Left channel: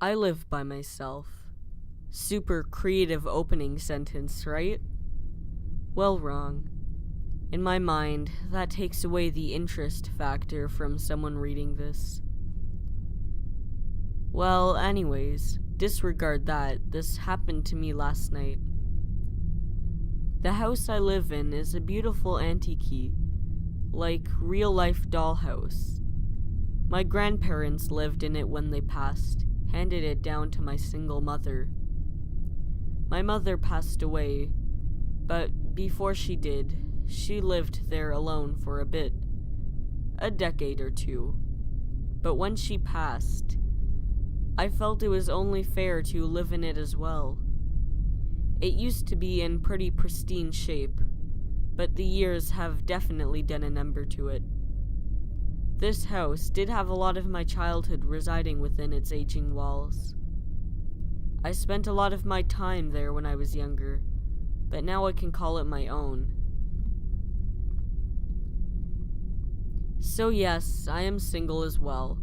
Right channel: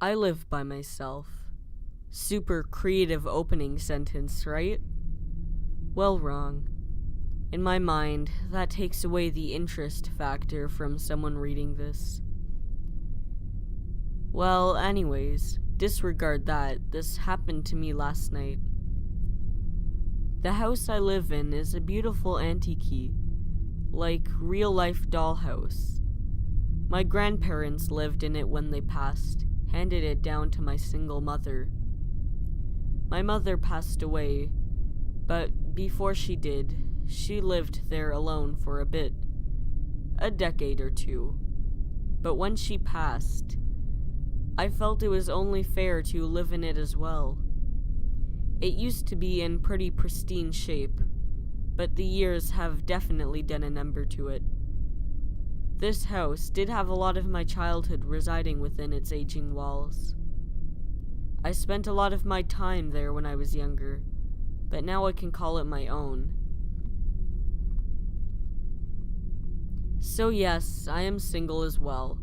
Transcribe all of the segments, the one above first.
I live by myself. Super creative opening sentence, right? Well, wrong. In my mind, that takes away the interest factor from someone reading this. Well, anyways, disregard that. This happened to me last night. The house I live in is a beautiful antique, like real-life dollhouse. My grandparents lived in it when they passed, handed it down to my single mother. My mother passed away, but before she did, she lived there alone for a bit, a decade or two. But when she passed, I felt it was only fair to live in it as well. It used to be in pretty pristine shape, but the years have definitely done a number to it. This house did have a lot of my childhood residing within its aging walls. I spent a lot of my time there when I was younger, but now I can call it my own. So yes, I am single as well.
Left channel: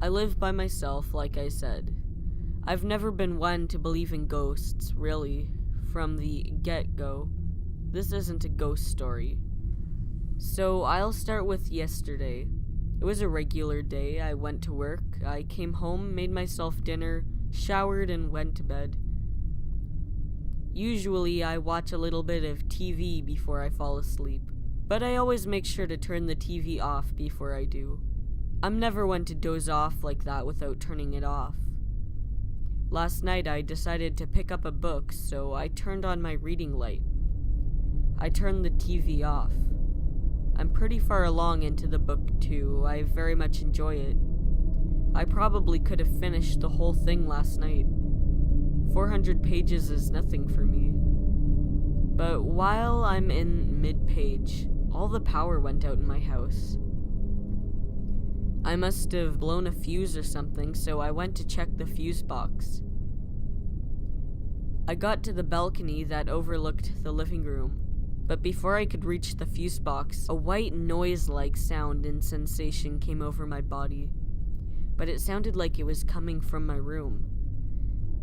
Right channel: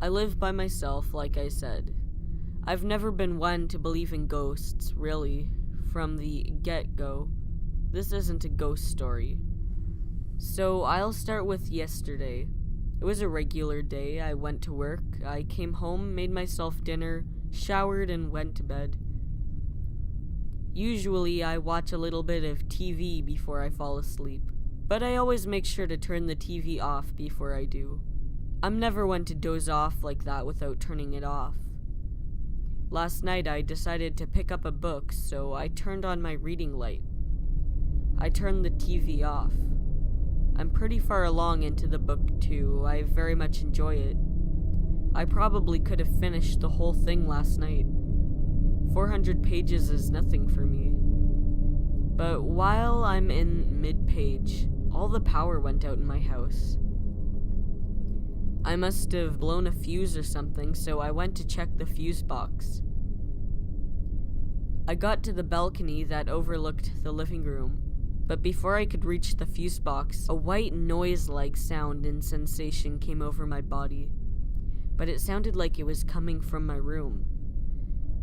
I live by myself, like I said. I've never been one to believe in ghosts, really, from the get-go. This isn't a ghost story. So I'll start with yesterday. It was a regular day. I went to work, I came home, made myself dinner, showered, and went to bed. Usually I watch a little bit of TV before I fall asleep, but I always make sure to turn the TV off before I do. I'm never one to doze off like that without turning it off. Last night I decided to pick up a book, so I turned on my reading light. I turned the TV off. I'm pretty far along into the book too. I very much enjoy it. I probably could have finished the whole thing last night. 400 pages is nothing for me. But while I'm in mid-page, all the power went out in my house. I must have blown a fuse or something, so I went to check the fuse box. I got to the balcony that overlooked the living room, but before I could reach the fuse box, a white noise-like sound and sensation came over my body, but it sounded like it was coming from my room.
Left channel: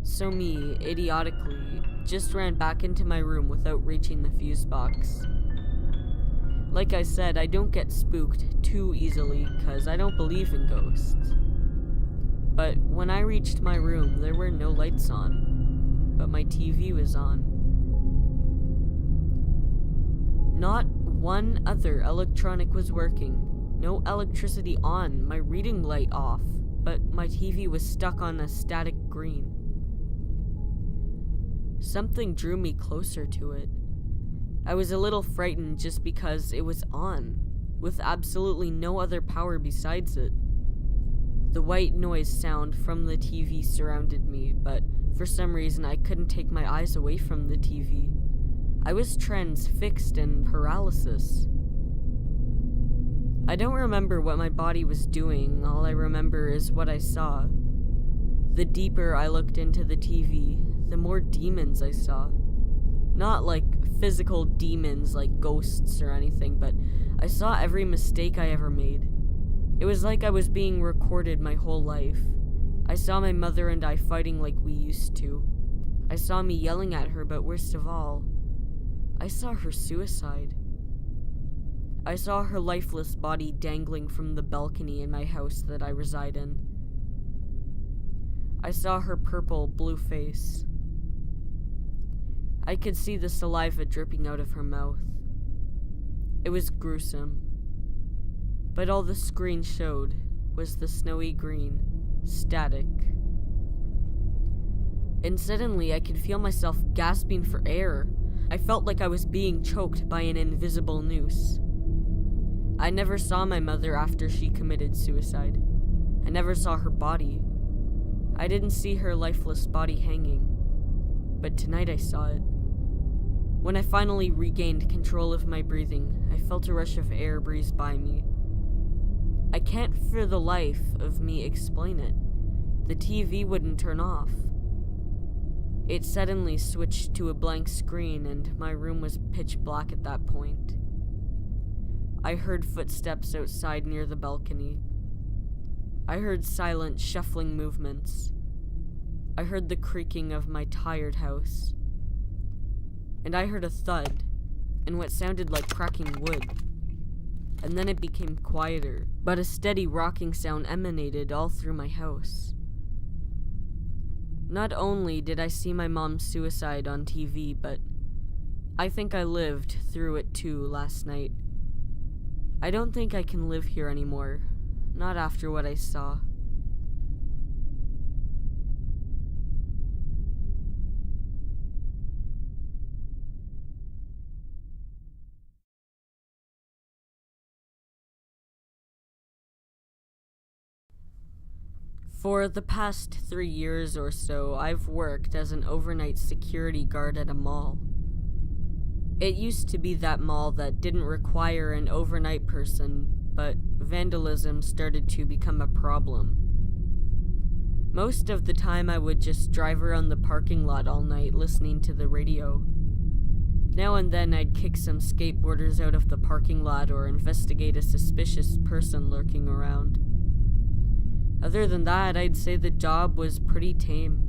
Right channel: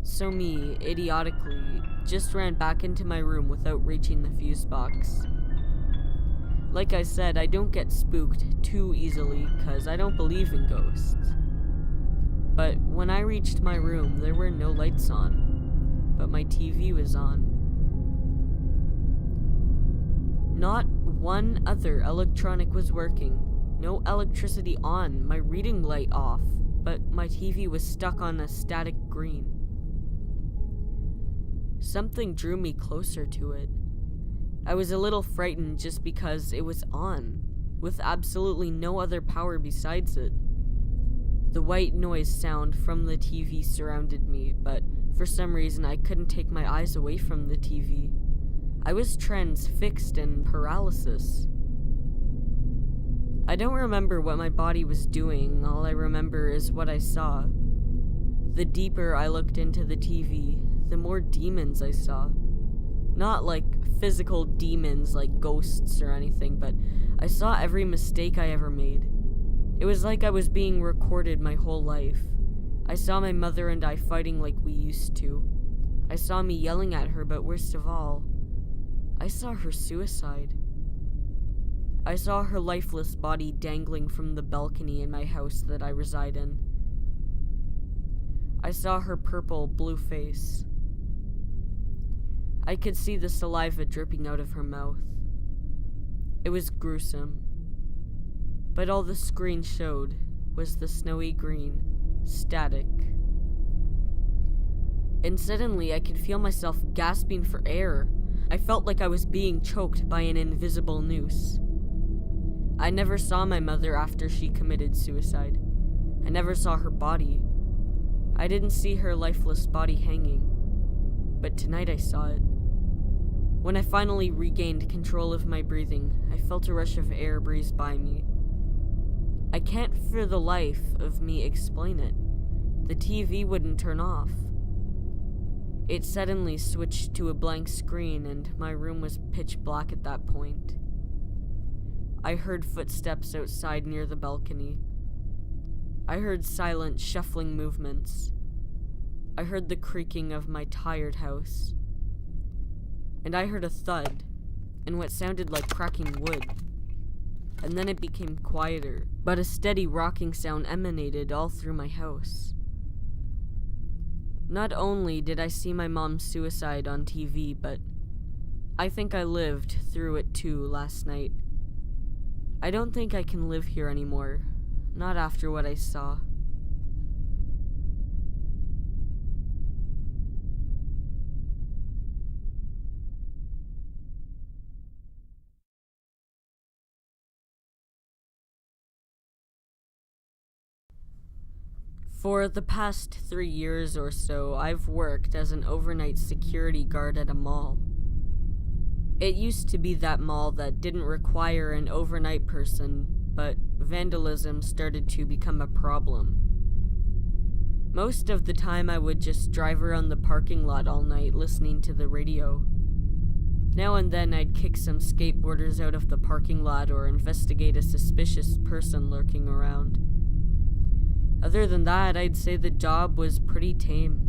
So me, idiotically, just ran back into my room without reaching the fuse box. Like I said, I don't get spooked too easily, cause I don't believe in ghosts. But when I reached my room, there were no lights on, but my TV was on. Not one other electronic was working, no electricity on, my reading light off, but my TV was stuck on a static green. Something drew me closer to it. I was a little frightened just because it was on, with absolutely no other power besides it. The white noise sound from the TV surrounded me, but for some reason I couldn't take my eyes away from the TV. I was transfixed in paralysis. I don't remember what my body was doing, all I remember is what I saw. The deeper I looked into the TV, the more demons I saw. Not like physical demons like ghosts or anything, but I saw every mistake I ever made. It was like I was being recorded my whole life. I saw my mother and I fighting like we used to. I saw me yelling at her, but worst of all, I saw her suicide. I saw her lifeless body dangling from the balcony in my house that I reside in. I saw her purple, blue face. I could see the saliva dripping out of her mouth. It was gruesome. But all the screen showed was the snowy green, static. And suddenly I could feel myself gasping for air. I felt like I was being choked by an invisible noose. I never saw my mother after she committed suicide. I never saw her body. I didn't see her lifeless body hanging. But tonight I saw it. When I finally regained control of my breathing, I felt a rush of air breeze by me. I can't for the life of me explain it. The TV wouldn't turn off. It suddenly switched to a blank screen and my room was pitch black at that point. I heard footsteps outside near the balcony. I heard silent, shuffling movements. I heard the creaking of my tired house. And I heard a thud, and what sounded like cracking wood. And then it became quieter, but a steady rocking sound emanated all through my house. Not only did I see my mom's suicide on TV, but I think I lived through it too last night. I don't think I can live here anymore, not after what I saw. For the past 3 years or so, I've worked as an overnight security guard at a mall. It used to be that mall that didn't require an overnight person, but vandalism started to become a problem. Most of the time I would just drive around the parking lot all night listening to the radio. Now and then I'd kick some skateboarders out of the parking lot or investigate a suspicious person lurking around. Other than that, I'd say the job was pretty tame.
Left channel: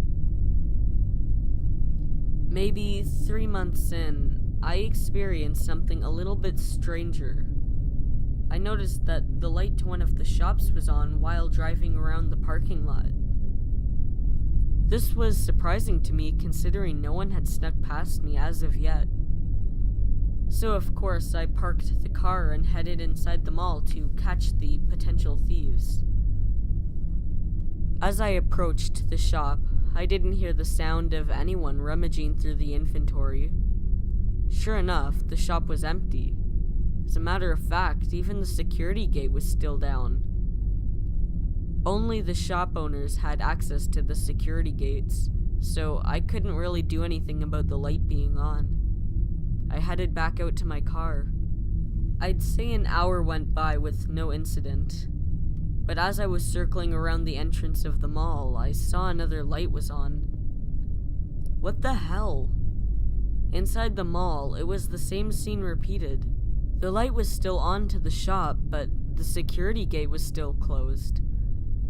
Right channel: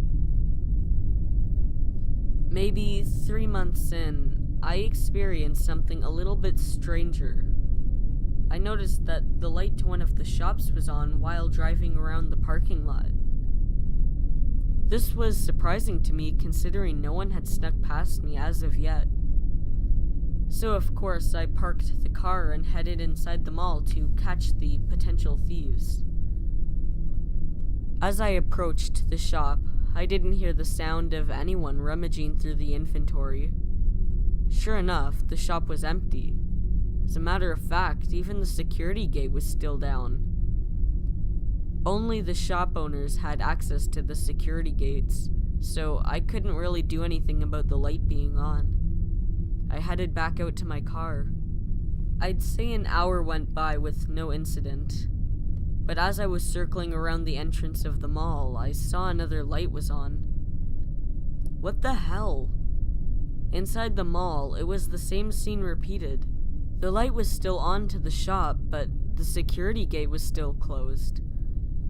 Maybe 3 months in, I experienced something a little bit stranger. I noticed that the light to one of the shops was on while driving around the parking lot. This was surprising to me considering no one had snuck past me as of yet. So of course I parked the car and headed inside the mall to catch the potential thieves. As I approached the shop, I didn't hear the sound of anyone rummaging through the inventory. Sure enough, the shop was empty. As a matter of fact, even the security gate was still down. Only the shop owners had access to the security gates, so I couldn't really do anything about the light being on. I headed back out to my car. I'd say an hour went by with no incident. But as I was circling around the entrance of the mall, I saw another light was on. What the hell? Inside the mall, it was the same scene repeated. The light was still on to the shop, but the security gate was still closed.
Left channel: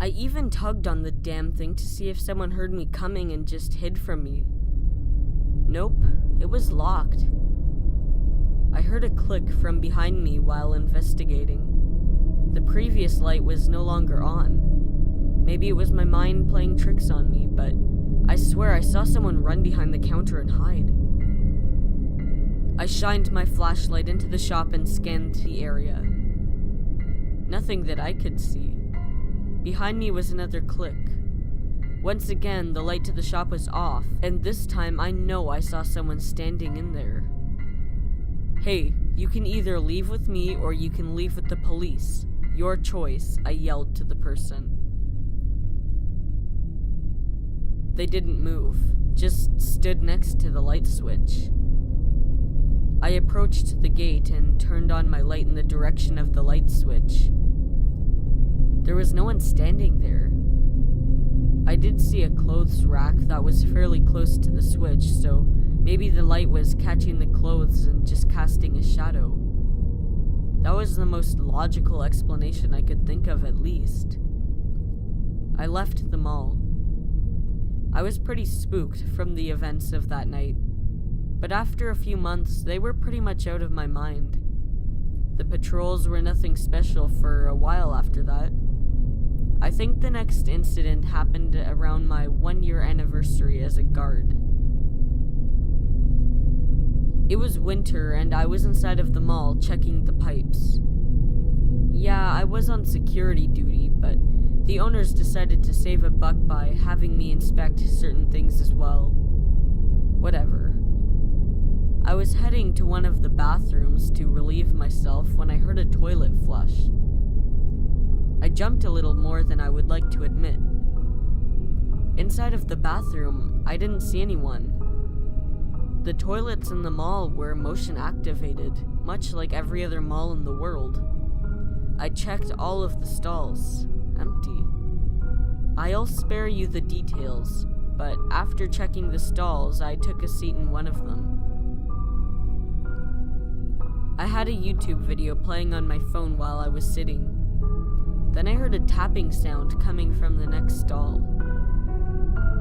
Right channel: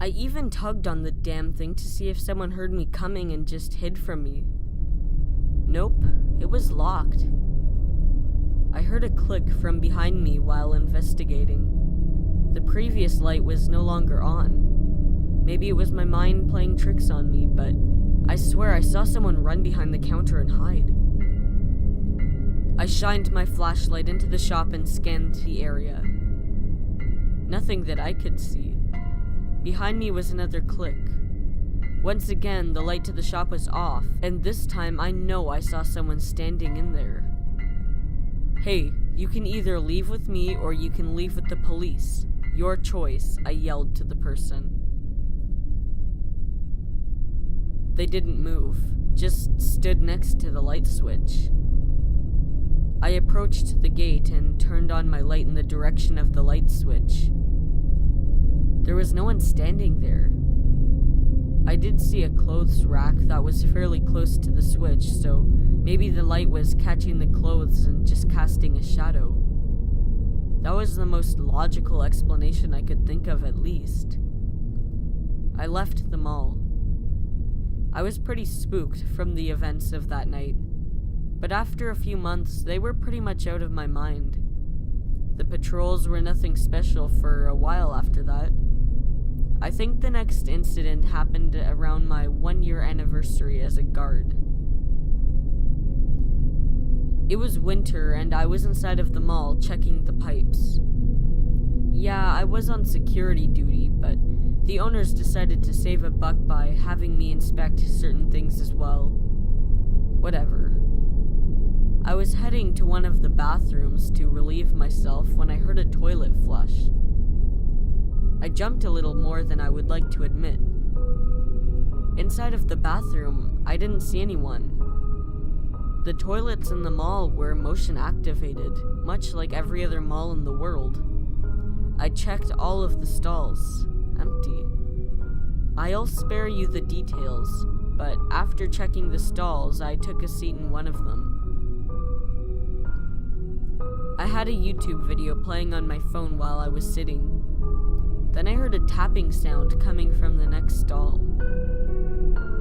I even tugged on the damn thing to see if someone heard me coming and just hid from me. Nope, it was locked. I heard a click from behind me while investigating. The previous light was no longer on. Maybe it was my mind playing tricks on me, but I swear I saw someone run behind the counter and hide. I shined my flashlight into the shop and scanned the area. Nothing that I could see. Behind me was another click. Once again, the light to the shop was off, and this time I know I saw someone standing in there. Hey, you can either leave with me or you can leave with the police. Your choice, I yelled to the person. They didn't move, just stood next to the light switch. I approached the gate and turned on my light in the direction of the light switch. There was no one standing there. I did see a clothes rack that was fairly close to the switch, so maybe the light was catching the clothes and just casting a shadow. That was the most logical explanation I could think of, at least. I left the mall. I was pretty spooked from the events of that night, but after a few months, they were pretty much out of my mind. The patrols were nothing special for a while after that. I think the next incident happened around my 1-year anniversary as a guard. It was winter and I was inside of the mall checking the pipes. Yeah, I was on security duty, but the owners decided to save a buck by having me inspect certain things as well. Whatever. I was heading to one of the bathrooms to relieve myself when I heard a toilet flush. I jumped a little more than I would like to admit. Inside of the bathroom, I didn't see anyone. The toilets in the mall were motion activated, much like every other mall in the world. I checked all of the stalls, empty. I'll spare you the details, but after checking the stalls, I took a seat in one of them. I had a YouTube video playing on my phone while I was sitting. Then I heard a tapping sound coming from the next stall.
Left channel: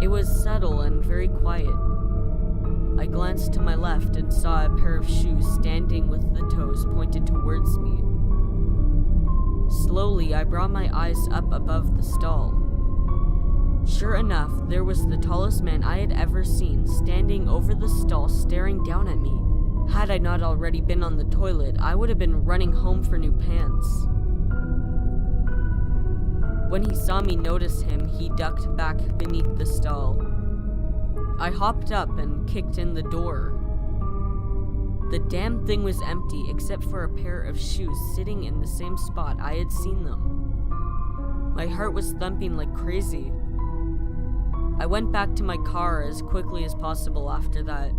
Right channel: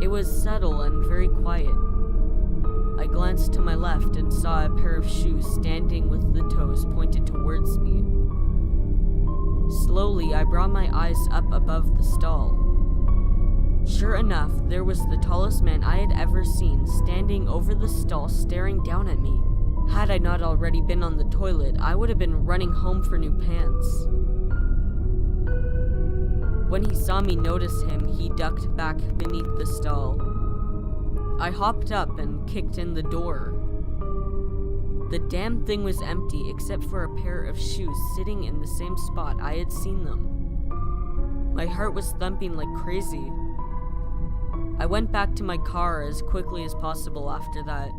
It was subtle and very quiet. I glanced to my left and saw a pair of shoes standing with the toes pointed towards me. Slowly, I brought my eyes up above the stall. Sure enough, there was the tallest man I had ever seen standing over the stall staring down at me. Had I not already been on the toilet, I would have been running home for new pants. When he saw me notice him, he ducked back beneath the stall. I hopped up and kicked in the door. The damn thing was empty except for a pair of shoes sitting in the same spot I had seen them. My heart was thumping like crazy. I went back to my car as quickly as possible after that.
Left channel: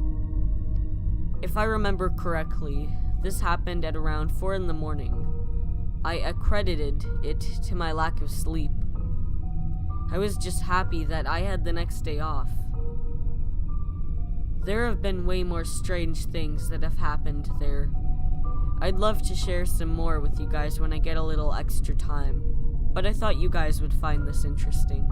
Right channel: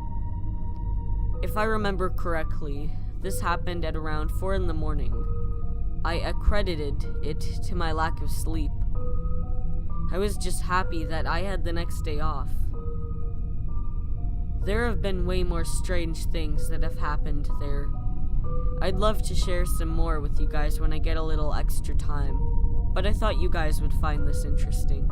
If I remember correctly, this happened at around 4 in the morning. I accredited it to my lack of sleep. I was just happy that I had the next day off. There have been way more strange things that have happened there. I'd love to share some more with you guys when I get a little extra time, but I thought you guys would find this interesting.